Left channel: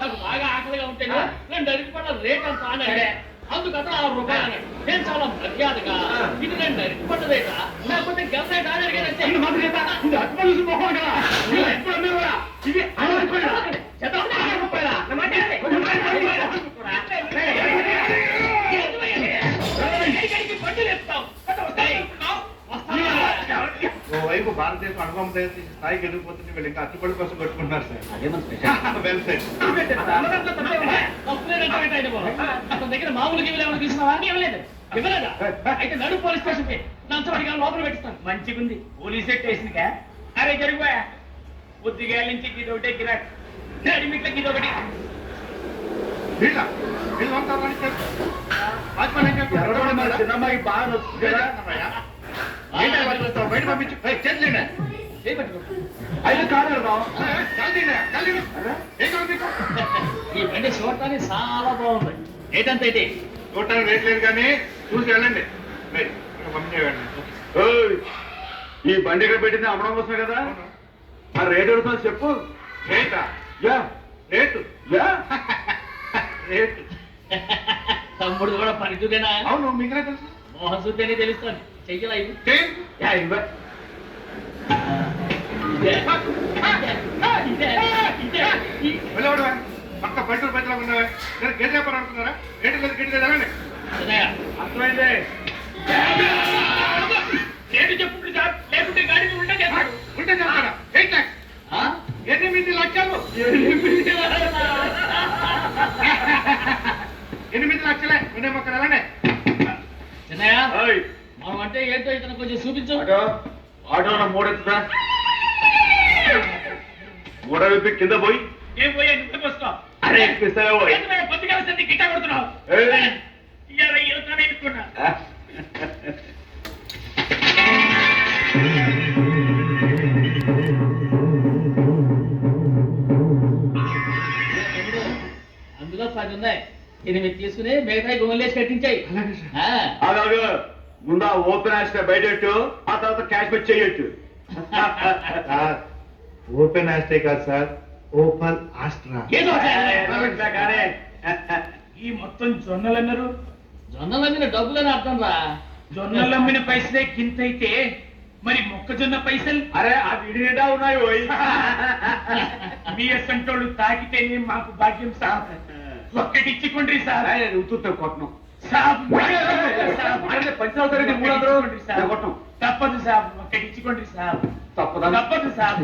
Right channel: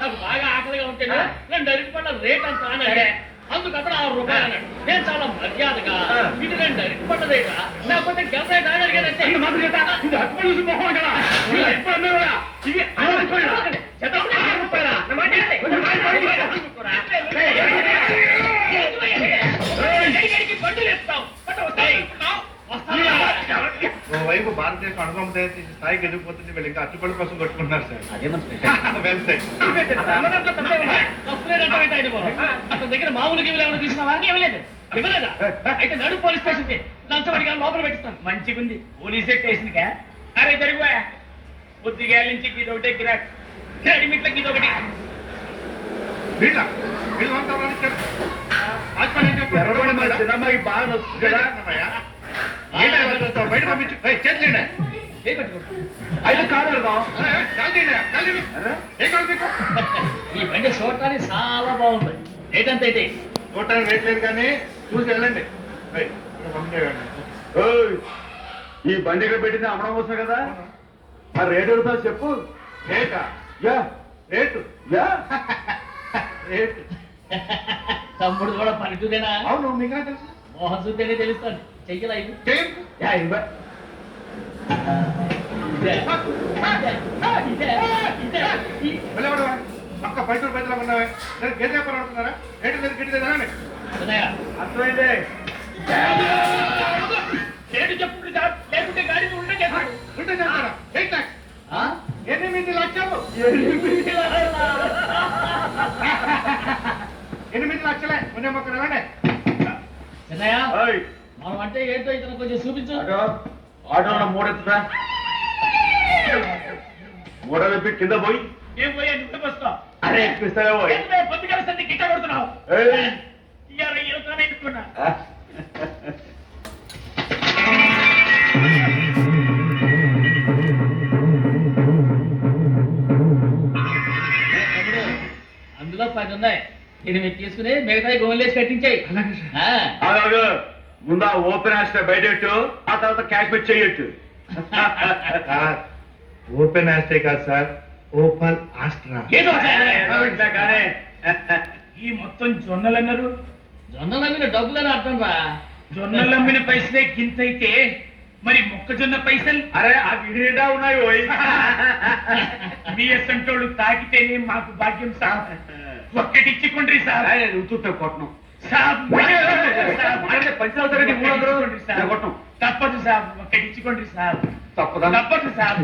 నాకు బాగా ఆకలిగా ఉంటే 2 అరటిపళ్ళ రేట్ అంత అనంటే అందుకప్పుడు 6 రూపాయలు అన్నాడు. నేను చాలా మర్యాదగా ఇది 2 అరటిపళ్ళ రేటా లేకపోతే గెల రేటా అని అడిగానంటే ఓవైపు భారతదేశం అణుబొమ్మ తయారు చేసి స్థాయికి ఎదిగిపోతుంది, వీళ్ళు ఇంకా అచ్చుపళ్ళ కోసం కొట్టుకుంటున్నారు సార్. అతని దగ్గర మామూలుగా ఏమైనా తీసుకున్నావా? ఇవ్వలేదు. ఇవ్వలేదా? అయితే నడు పోలీస్ స్టేషన్ కి లంచబడిగా లోపల పెట్టిస్తాను. మంచిగుంది పోలీస్ స్టేషన్ కా? అరే జరిగిపోయా పొద్దుగేళ్ళ నుంచి ఇదొకటే గిరాక్, అడిమిట్లకి ఇదొకటి. చిన్నమ్మాయి బాగా నొస్తుంది కదా, బయట పంపించు. చేతులేండి అయితే కాదు ఈ బండి చూడటానికి చాలా బాగుంది. ఏంటంత అయితే చూడటానికి రేట్ లేదు కానీ చూసి వెళ్ళండి. ఈ బండి ఇక్కడ పెట్టింది అమ్మడం కోసం కదా, ఆ రేటు అడుగుతా చెప్పు. రేటా? Yeah rate yeah rate. తమ్ముడు కూడా పనితూరేనా? అవును, మీకు తెలుసు. మోహన్ చూస్తేనే తెలుస్తాను. చెయ్యలా ఇది పక్క పల్లెటూరు పైసలు ఉన్నావే, గేట్ వ్యాపారం అనుకున్నారా? రేటు లేదు గిట్టి లేదు అనండి. అర్థమైంది. రేటు చెప్పుడు లేకుంటే గాడికి ఉంటే ఉంటే చేస్తారా? 8 lakhs. 8 లక్షలు. 8 లక్షలే ఉండే మొక్కలు ఎలాంటి చిన్నయ్య మనం అంటే ఏంటో ఇతను కొంచెం చూపించు. ఆటో మూడెత్తుతా, మూడ విప్పి కింద పోయి ఏం పోయా నువ్వే వస్తావు. అరే ఎక్కిస్తావో పోయి పొద్దుగా వస్తే గిట్ట కొడుతున్నావు. ఇరుకున్నా అందులో 10 ఉన్నాయి. 8 తీసుకుని మిగతా గోన్లేసి కట్టించాయి. అలాగే ముందు ఆ ఓపెన్ ఆస్ట్రా బయటెట్టు, ఆ తర్వాత క్యాష్ పెట్టి చేయొచ్చు. ఓపెన్ ఆస్ట్రే కాదు సార్, ఓపెన్ ఆస్ట్రా. ఈ మొత్తం జొన్నలు అన్నారు. జొన్నలు అమ్మిన డబ్బులని అర్థం రా. జొన్నలు అమ్మిన పైసలే గింతైతే మరి మొక్కజొన్న పైసలు అరే ఆ విడిగా ఉన్నాయి పోయి. మీ అసంటోళ్ళు తాకితేనే మాకు భాగ్యం సార్. ఒక్కటిచ్చుకోండి సార్. ఉత్తుతా కొట్టను పంచావతారండి 300 కొట్టం తప్పదు సార్. ఒక్కటిచ్చుకోండి సార్. తప్పదా? తప్పదు సార్.